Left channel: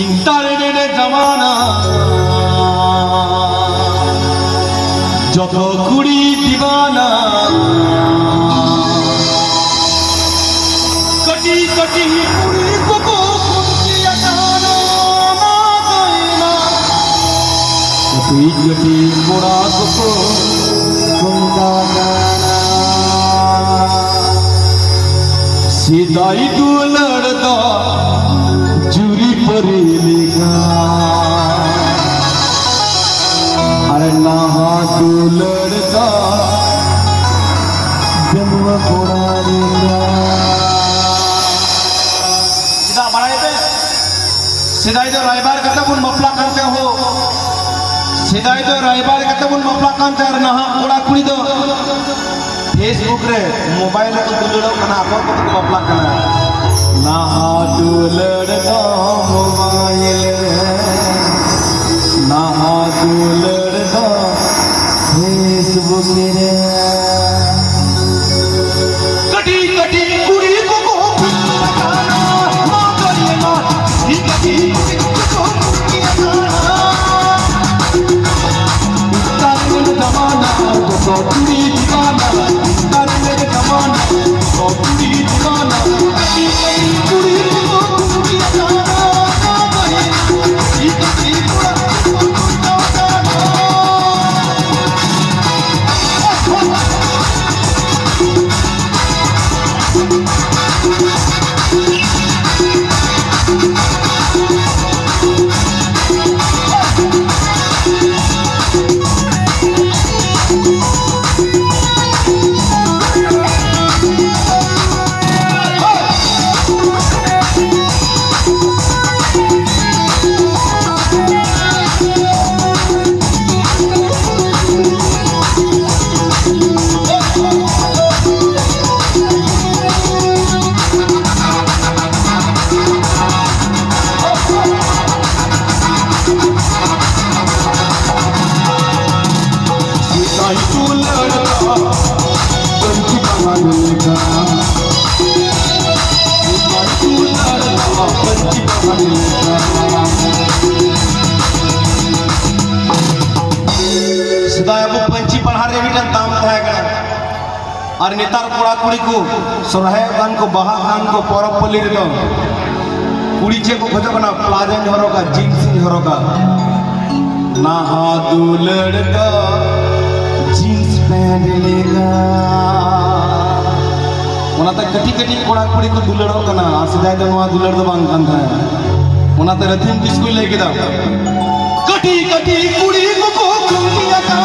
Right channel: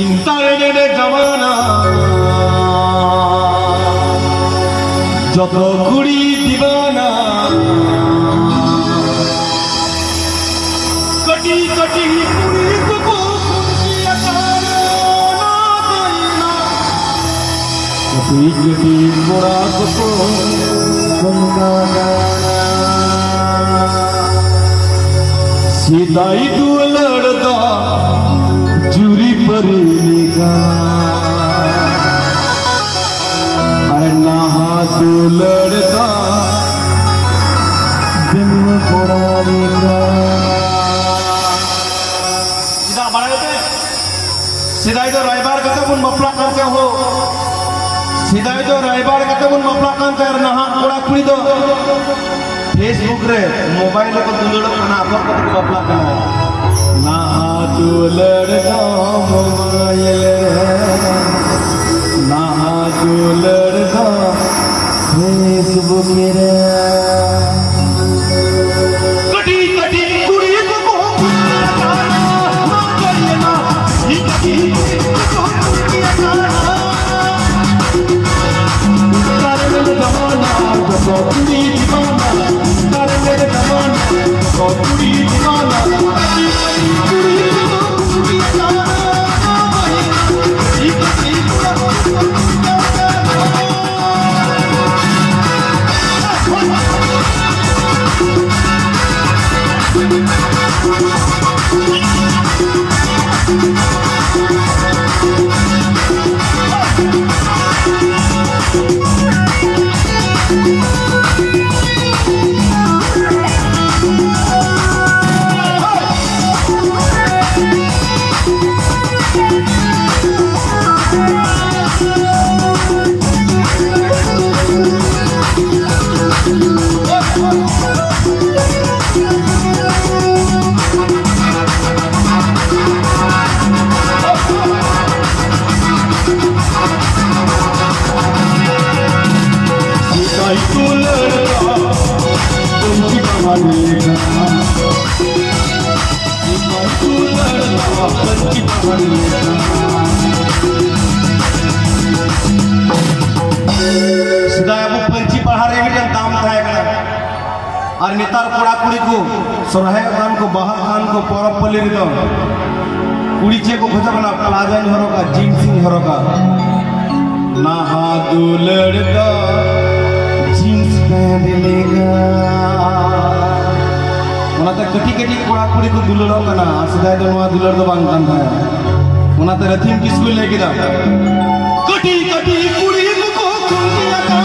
internet जमाना যত কুড়ি দিবানা কটি কটি কুড়ি কোকো কুটিয়া না কইনা কটি কটি পোড়া কোকো কুমকানা सीधाई तू लड़दा चूरी परी लिखा अरे नहा तू लड़दा जन्म पुरानी सीधा बढ़ाए थे सीधा जो रायबार करते बुन मपला करते हो सीधा जो रायबार करते बुन मपला करते और नहा कुड़ा कुड़ी दो फेसबुक रे मोबाइल को दुलड़ो कना को बपला कना ना दुलड़ो मोबाइल ना दुलड़ो फेसबुक रे कटी कटी कुड़ी को ना करिना निकटी को किया कारण जमाना जो कुड़ी दीवाना और नेतार कोड़ा कुड़ी को सोरहाय गान को बाहा गान को परब पल्ली रे दो कुड़ी चे को खजा बना प्लाजन हरो का जींस हरो का ना दुलड़ दा जींस पहन लेगा ओना त कटी कटी कोड़ा कुड़ी को दुलड़ो कना सजाय दो नवा दुलड़ दो बांग कान था ओना त रथिम किसको लेके दा कटी कटी कुड़ी को कुंडिया का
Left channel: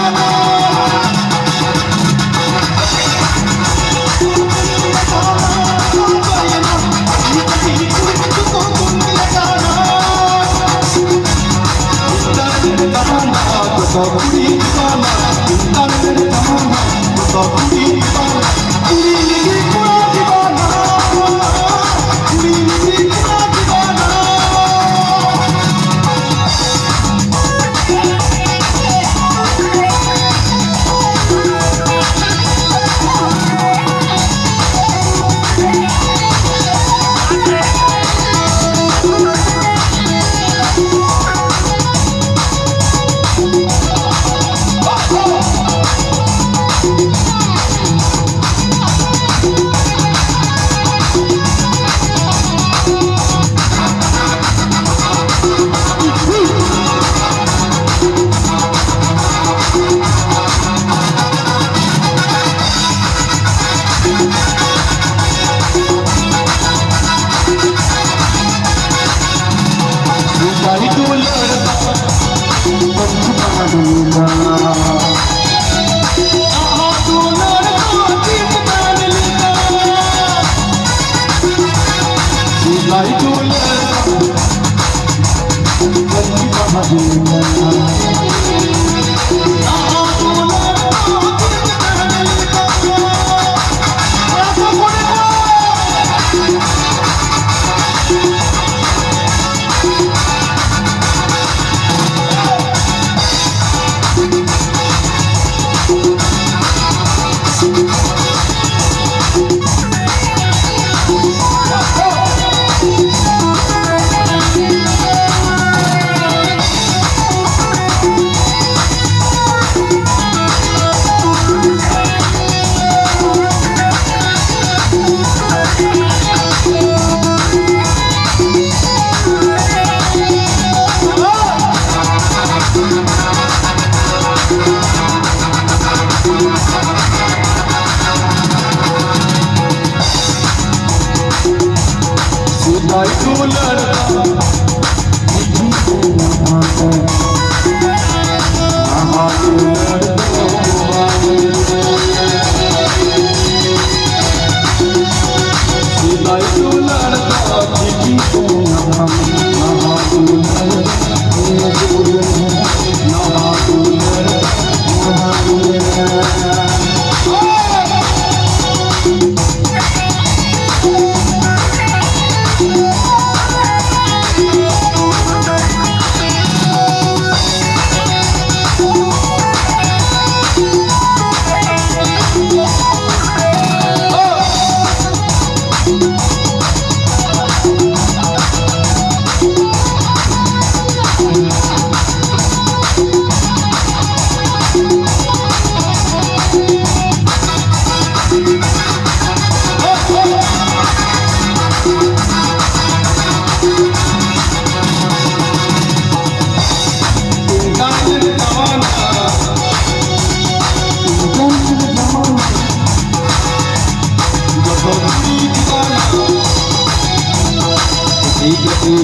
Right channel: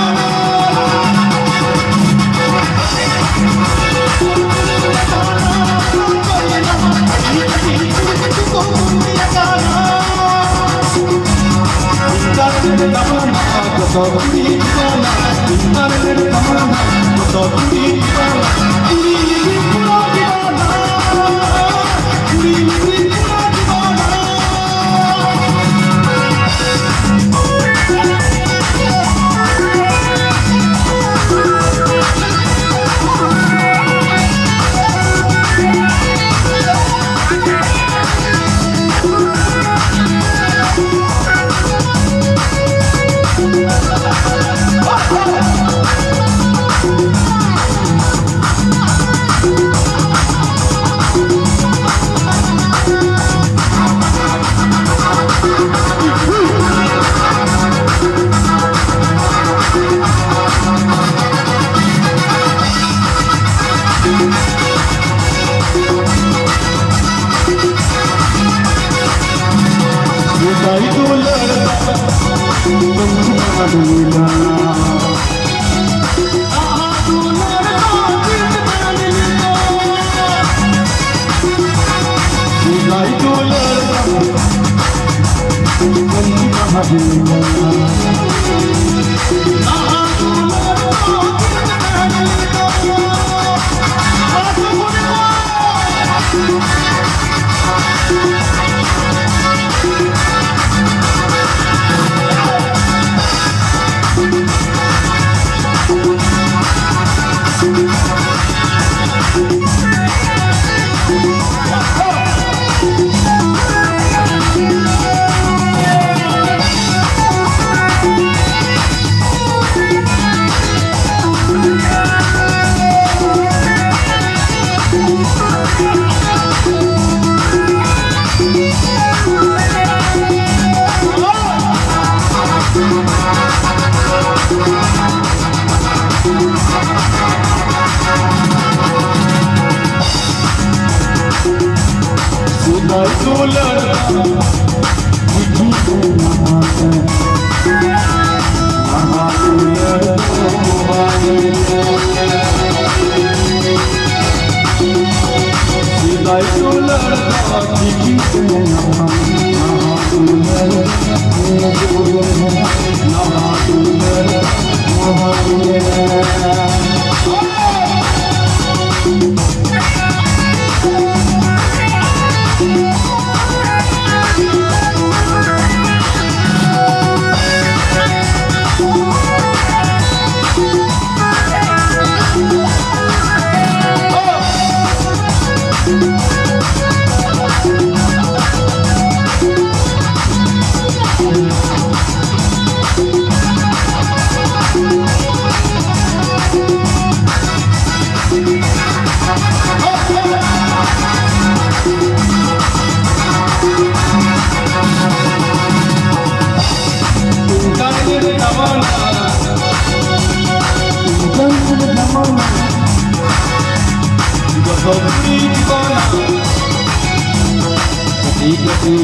मीटे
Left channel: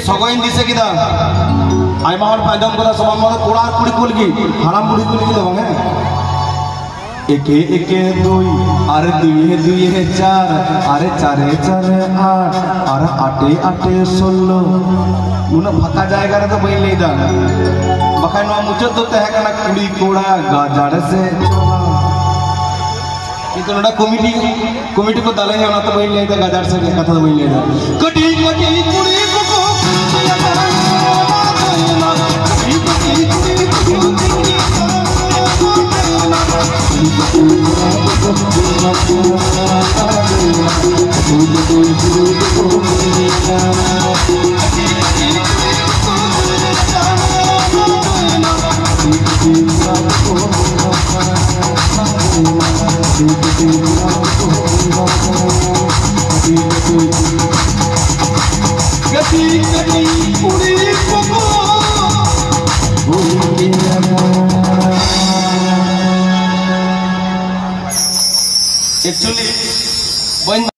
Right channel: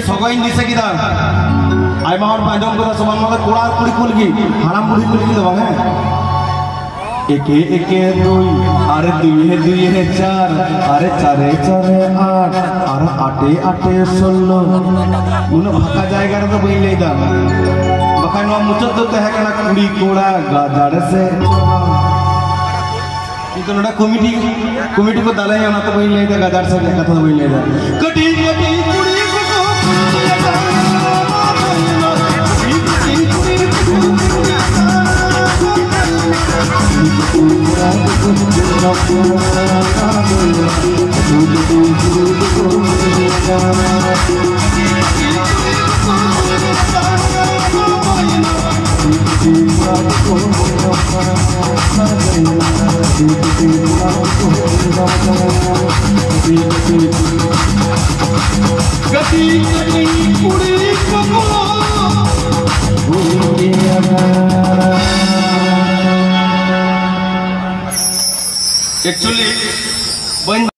सगोइन दिसे किदा आयमा हर पाइदम करा समान माला कोड़ा कुड़ी कुलगी हाराम कुड़ी कुलगी दो बांगे एके एके दुई आरे दुई चार आरे चारे चारे आठ आरे आटे आटे 16 नुना फाका जायगा रे तो बई लेदा बखाय नो मुचत दो तहे कना कुड़ी कोड़ा गाजाड़े से इनको नोड़ा कमिटी को दाले ना तो बई लेदा गाजार से कथा तो बई लेदा कटी कटी कुड़ी एक्चुअली